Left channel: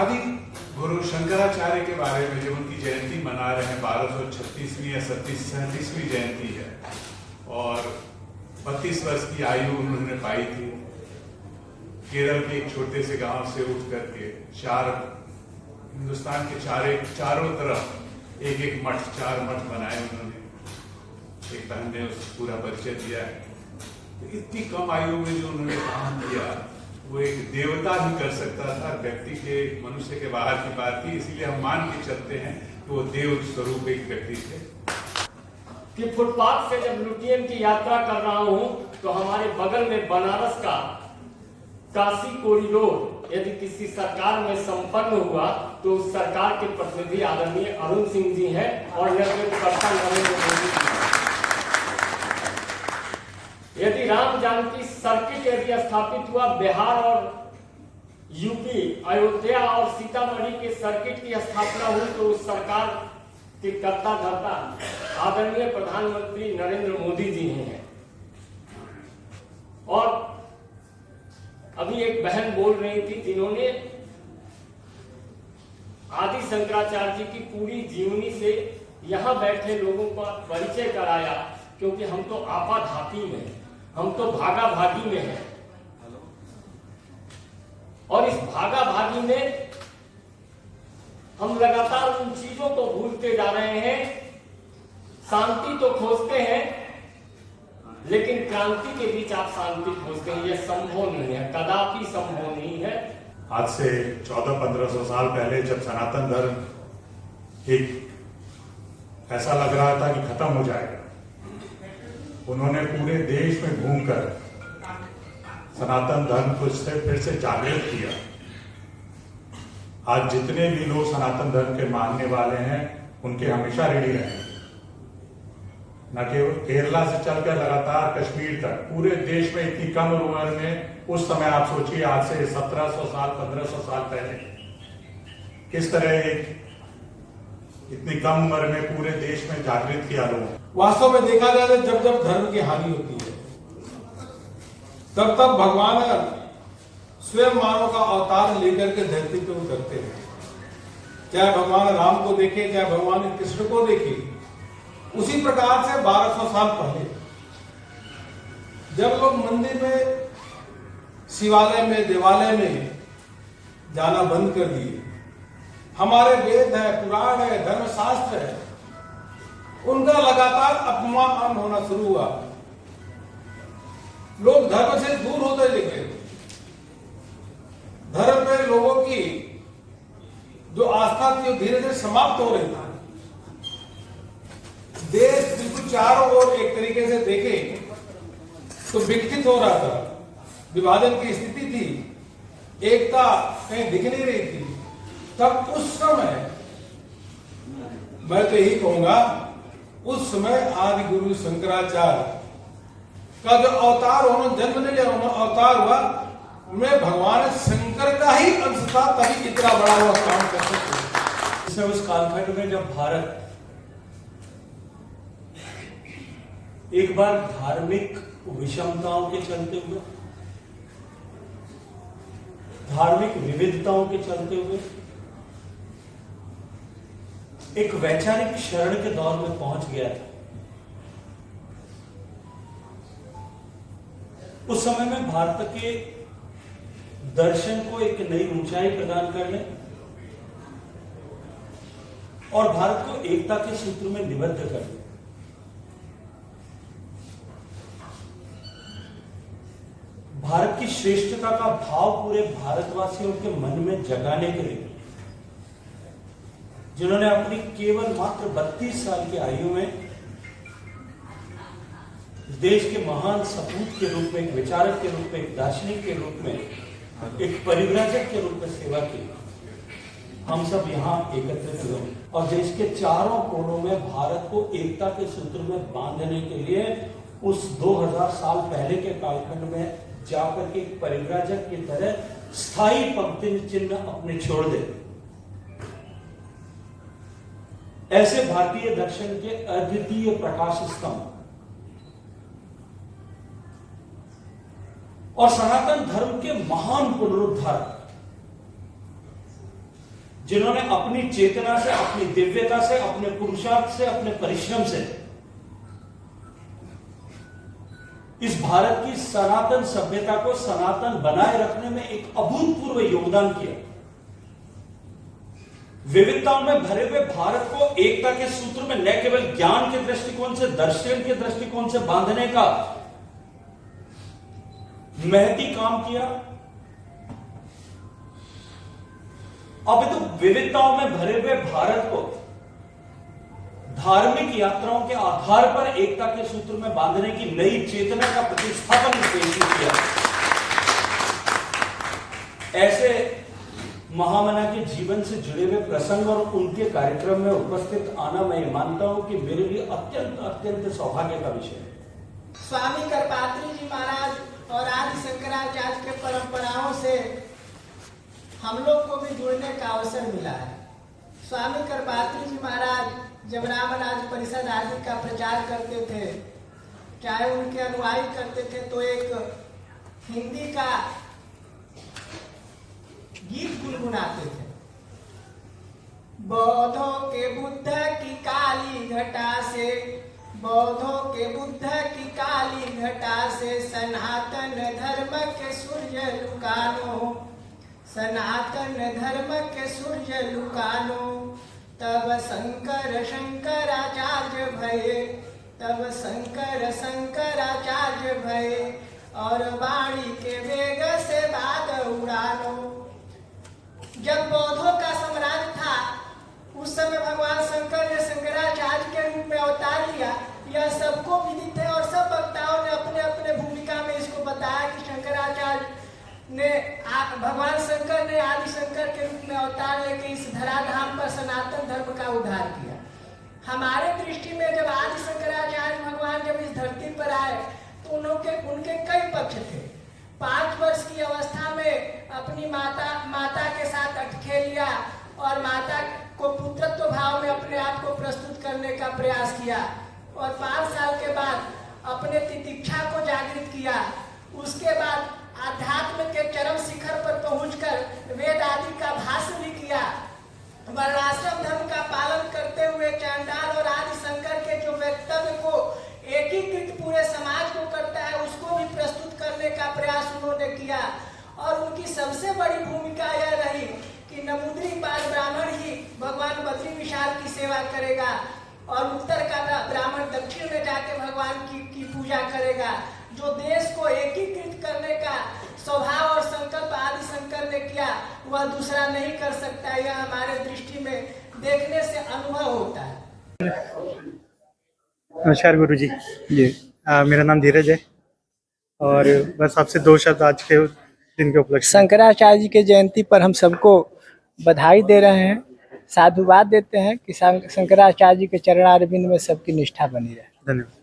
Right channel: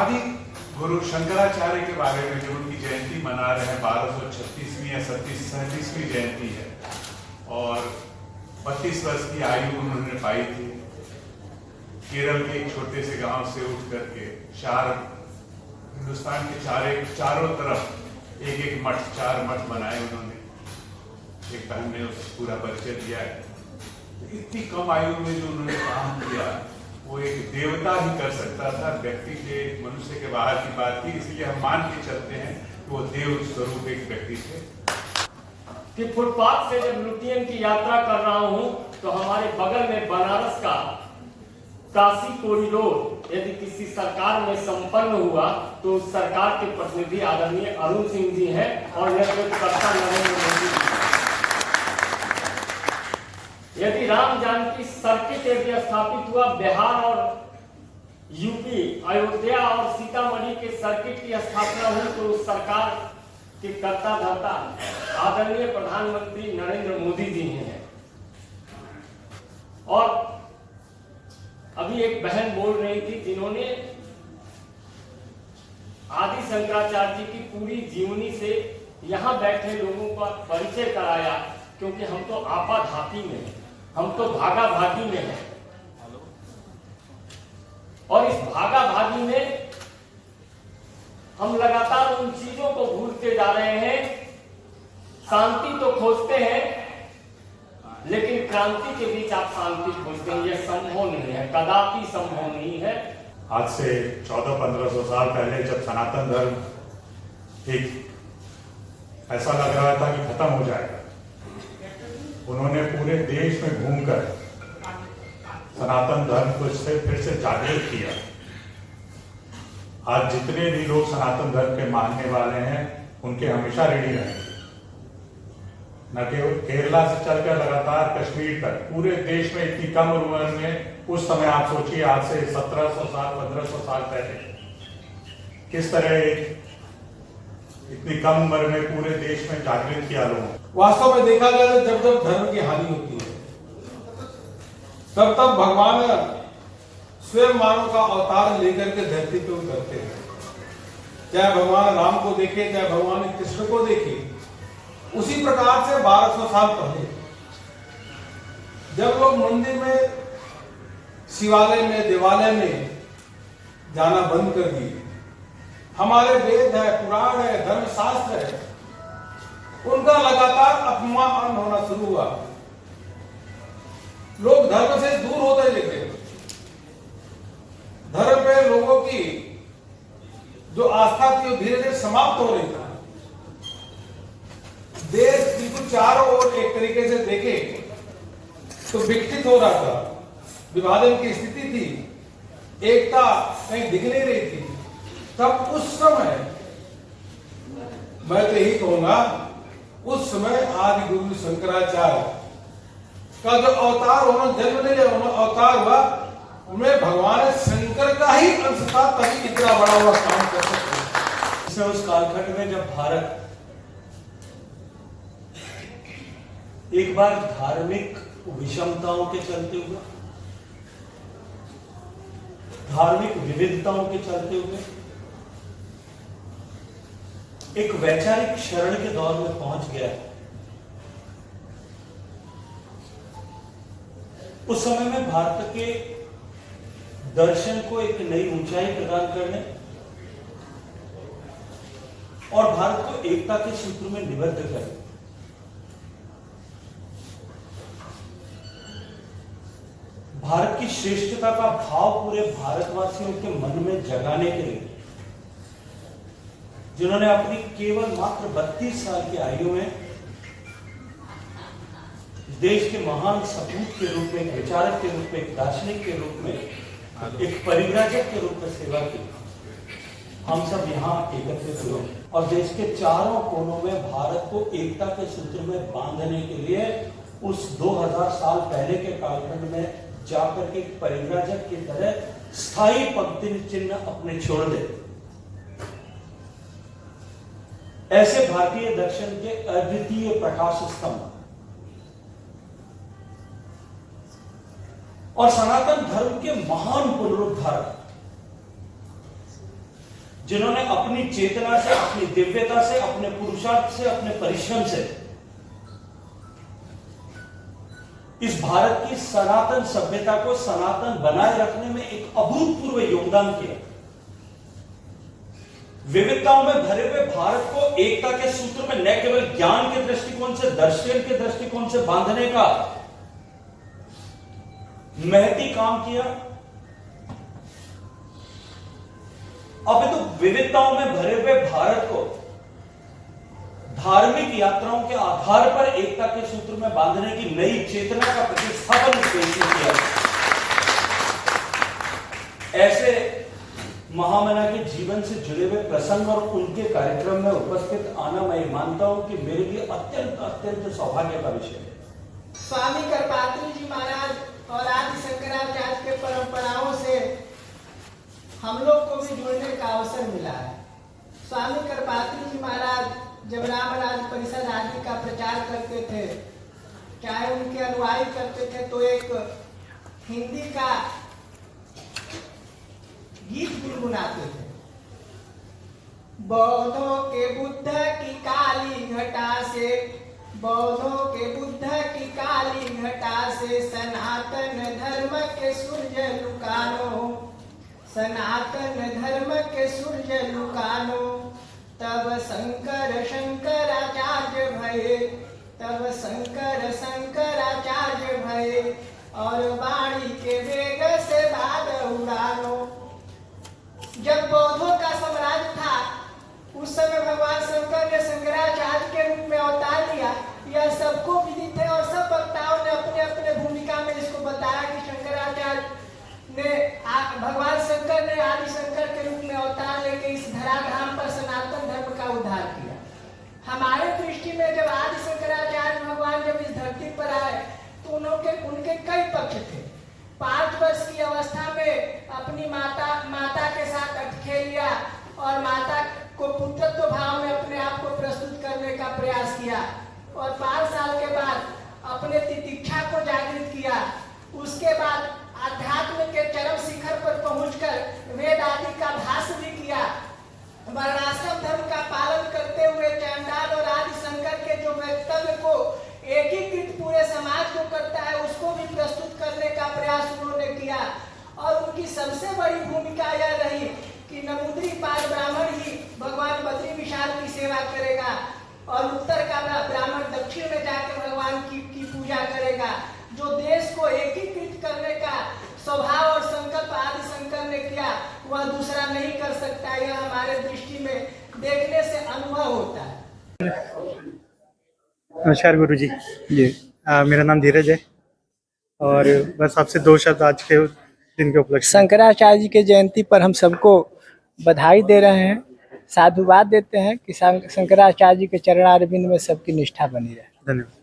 आदि गुरु शंकराचार्य के बारे में जब उनकी जयंती मना रहे हैं, 1236वीं या 37वीं जयंती है और 32 वर्ष की आयु उन्होंने पाई थी। केरल के एक छोटे से गांव से उठ करके हिंदुस्तान के चारों तरफ एक एक मठ, 4 मठ बनाए उन्होंने। एक बहन ने उस पूरा परिचय दिया है। तो इतनी कम आयु में जो उन्होंने काम किया वो एक देवता भी कर सकता था, व्यक्ति के, मनुष्य के बाहर की बात थी। इसलिए हम मान के चलते हैं कि वो देव स्वरूप एक व्यक्ति थे। कि फुटपाथ से जब लुटियन की यात्रा कर रहा हूं तो हमारे बगल में बनारस का काशी कॉरिडोर यदि किसी सरकार में संपन्न हुआ तो उस सरकार के प्रतिनिधि आदरणीय अरुण सिंह जी हैं और नेतृत्वकर्ता नरेंद्र मोदी जी। यदि राम जानकी सर्किट यदि स्थापित हुआ, बिहार और यूपी, अयोध्या और सीतामढ़ी के सर्किट की स्थापना हुई तो उस सरकार के कर्ता धर्ता आदरणीय प्रधानमंत्री नरेंद्र मोदी जी हैं। और अभी एक बहन बोल रही थी जिन्होंने आदि शंकराचार्य जी की पूरी जीवनी से यहां बैठे लोगों का परिचय कराया, क्योंकि हम तो आपाधापी में हैं, हम तो भागा भागी में हैं। और इस भागा भागी में हम लगातार उन चीजों को भूलते जा रहे हैं। शांति तो खोजते हैं, लेकिन क्रांति के बीच आप शांति खोजते हैं, यह संभव नहीं है, कदापि संभव नहीं है। आज से 1400-1500 साल पहले जब सनातन धर्म एक ऐसा लग रहा था कि खत्म हो जाएगा, उन्होंने पूरे देश में घूमकर सनातन धर्म को फिर से जागृत किया। आज जितने भी लोग सनातन धर्म के मानने वाले हैं उनके हमेशा रेडी रहेंगे। न केवल केरला से चलकर लगातार कश्मीर तक पूरे देश में इतनी कम उम्र में, उस समय आप सोचिए आज से 1700 साल 1500 साल पहले किस तरह इतनी कम उम्र में पूरे देश में जागृत किया लोगों। वास्तव में देखा जाए तो जब जब धर्म की हानि होती है तब तब भगवान स्वयं मानव का अवतार लेकर के धरती पे उतरते हैं। चाहे भगवान राम को देखे, चाहे भगवान कृष्ण को देखे। उसी प्रकार से 1200 साल पहले जब लोग मंदिर में, शिवालय में, देवालय में जाना बंद कर दिए, हमारे वेद है, पुराण है, धर्मशास्त्र है, उनका लगातार अपमान होना शुरू हुआ। लोग धर्म से दूर होते दिखे। धर्म में लोगों की जो आस्था थी वो धीरे धीरे समाप्त हो रही थी। देश बिल्कुल चारों ओर एक तरीके से देखे तो विकसित हो रहा था, विभाजन की स्थिति थी, एकता कहीं दिख नहीं रही थी। तब उस समय मैं तो यही कहूंगा, उस समय आदि गुरु शंकराचार्य का जो अवतार उन्होंने जन्म ले लिया, अवतार हुआ, उनमें भगवान शंकर का ही अंश था, तभी इतना बड़ा हुआ काम कर सकते। उस कालखंड में जब भारत एक बार धार्मिक विषमताओं के चलते हुए, धार्मिक विविधताओं के चलते हुए एक वैचारिक शरण के दौर में पहुंच गया है। उस समय में भारत के दर्शन को एक नई ऊंचाई प्रदान करने और भारत को एकता के सूत्र में निबद्ध करने, भारत की श्रेष्ठता का भाव पूरे भारतवासियों के मन में जगाने के लिए, जिन्होंने अपनी केवल मात्र 32 साल की आयु में देश के महान सपूत के रूप में, एक विचारक के रूप में, एक दार्शनिक के रूप में, एक परिव्राजक के रूप में सेवा की, हम सब यहाँ एकत्रित हुए और देश के चारों कोनों में भारत को एकता के सूत्र में बांधने के लिए उस 2000 साल पहले के कालखंड में जाकर के एक परिव्राजक की तरह स्थायी पंक्ति चिन्ह अपने छोड़ दे। ऐसे भारतीय दर्शन के अद्वितीय प्रकाश स्तंभ और सनातन धर्म के महान पुनरुद्धारक जिन्होंने अपनी चेतना से, अपनी दिव्यता से, अपने पुरुषार्थ से, अपने परिश्रम से इस भारत की सनातन सभ्यता को सनातन बनाए रखने में एक अभूतपूर्व योगदान किया। विविधताओं में भरे हुए भारत को एकता के सूत्र में न केवल ज्ञान के दृष्टिकोण से, दर्शन के दृष्टिकोण से बांधने का महती काम किया। अब तो विविधताओं में भरे हुए भारत को धार्मिक यात्राओं के आधार पर एकता के सूत्र में बांधने की नई चेतना का प्रतिस्थापन इस देश ने किया। ऐसे महामना के जीवन से जुड़े हुए प्रसंग और उनके कार्यक्रम में उपस्थित आना मैं मानता हूं कि मेरे लिए अत्यंत अत्यंत सौभाग्य का विषय है। स्वामी करपात्री जी महाराज और आदि शंकराचार्य के परंपराओं से हम लोग को भी जुड़ने का अवसर मिला है। स्वामी करपात्री जी महाराज जब रामराज परिषद आदि का प्रचार करते थे, चाहे उनके अनुयायी करते थे, तो एक हिंदी का गीत गुनगुनाते थे। बौद्धों के बुद्ध की काली घटा से, बौद्धों के बुद्ध की काली घटा से, सनातन धर्म के सूर्य लुकानो, सनातन धर्म के सूर्य लुकानो। तब शंकर शंकराचार्य भये, तब शंकर शंकराचार्य भये, और वाणी के वेग से बाग उड़ानो। जब बौद्धों का साम्राज्य था, उस समय भगवान शंकर ने शंकराचार्य के रूप में अवतार लिया। यह सबको विदित है और सब वक्ताओं ने अपने अपने भूमिका में इसको बताया कि शंकराचार्य ने, भगवान शंकर ने आदि शंकर के रूप में अवतार लेके इस धराधाम पर सनातन धर्म का उद्धार किया। हमारे दृष्टि में जब आदि शंकराचार्य भगवान जब इस धरती पर आए तो उनके कई पक्ष थे। 5 वर्ष की अवस्था में अपनी माता के साथ अटखेलिया और माता को पुत्रत्व भाव में अपने आप को प्रस्तुत करने का प्रयास किया, और 5 साल के बाद अपने तितिक्षा को जागृत किया। उसके बाद आध्यात्म के चरम शिखर पर पहुंचकर वेद आदि का भाष्य भी किया। वर्णाश्रम धर्म का पालन करते हुए चांडाल और आदि शंकर के जो वक्तव्य को एकीकृत पूरे समाज को करता है, उसको भी प्रस्तुत करने का प्रयास उन्होंने किया। और उनकी सबसे बड़ी भूमिका यह रही कि नमूद्री पाल ब्राह्मण ही भगवान बद्री विशाल की सेवा करेगा, और उत्तर का ब्राह्मण दक्षिण में जाके भगवान की पूजा करेगा। जो देश को एकीकृत करने का स्वभाव और संकल्प आदि शंकर ने किया, वह दूसरा नहीं कर सकता। यह हमारे दृष्टि में देखने से अनुभव होता है। नमस्कार गुरु जी। मेरा नाम धीरज है, और बस आपसे 2 शब्द आज के दिन के उपलक्ष्य। शंकराचार्य जी के जयंती पर हम सबको बधाई दे रहे हैं, साधुवाद देते हैं कि शंकराचार्य जी के चरणारविंद में सबकी निष्ठा बनी रहे। धन्यवाद।